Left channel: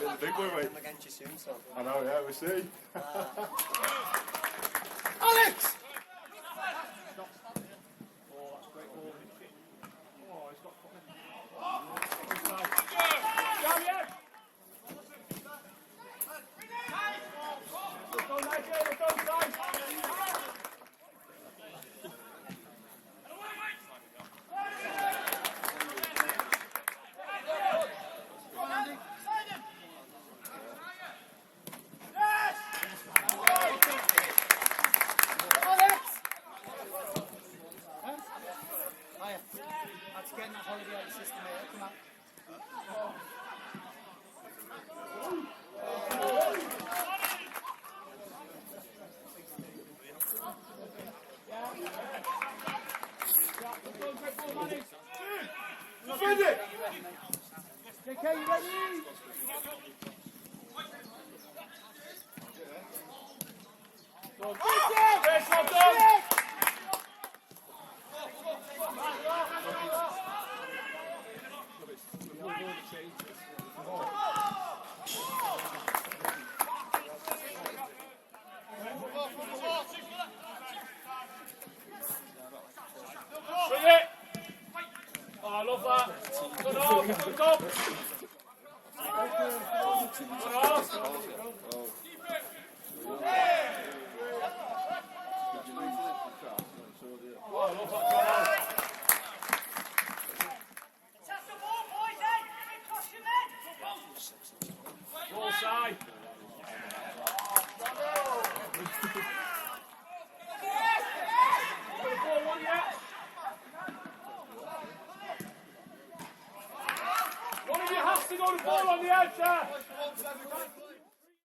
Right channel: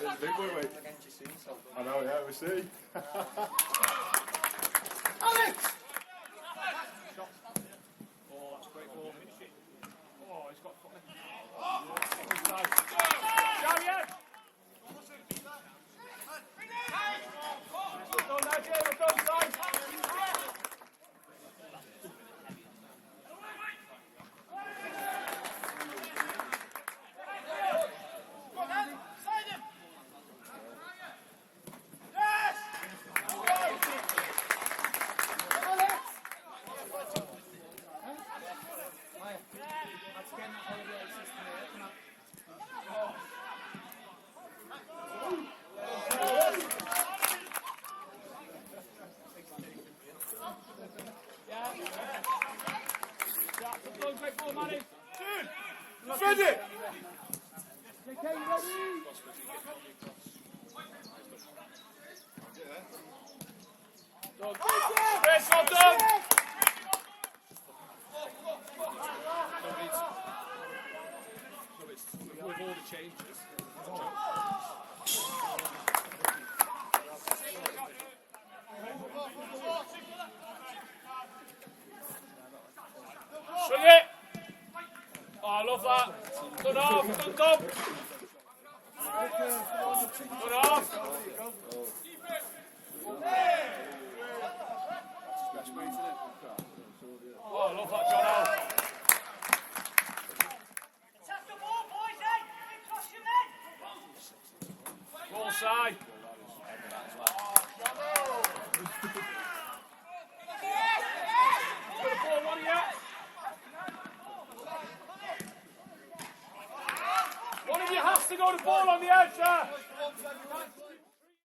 The big boy, mate. Against you soon, so. I know, yeah, we'll see. Alex! Defend it! Okay, you ready? Yes, well done! Swing it! Oh, I love that. Good off, good job. Good off. Oh, I love that. Good off. Attack the ball, boys, eh? Get across your men! Ball side. One of you has to go to ball on the edge there.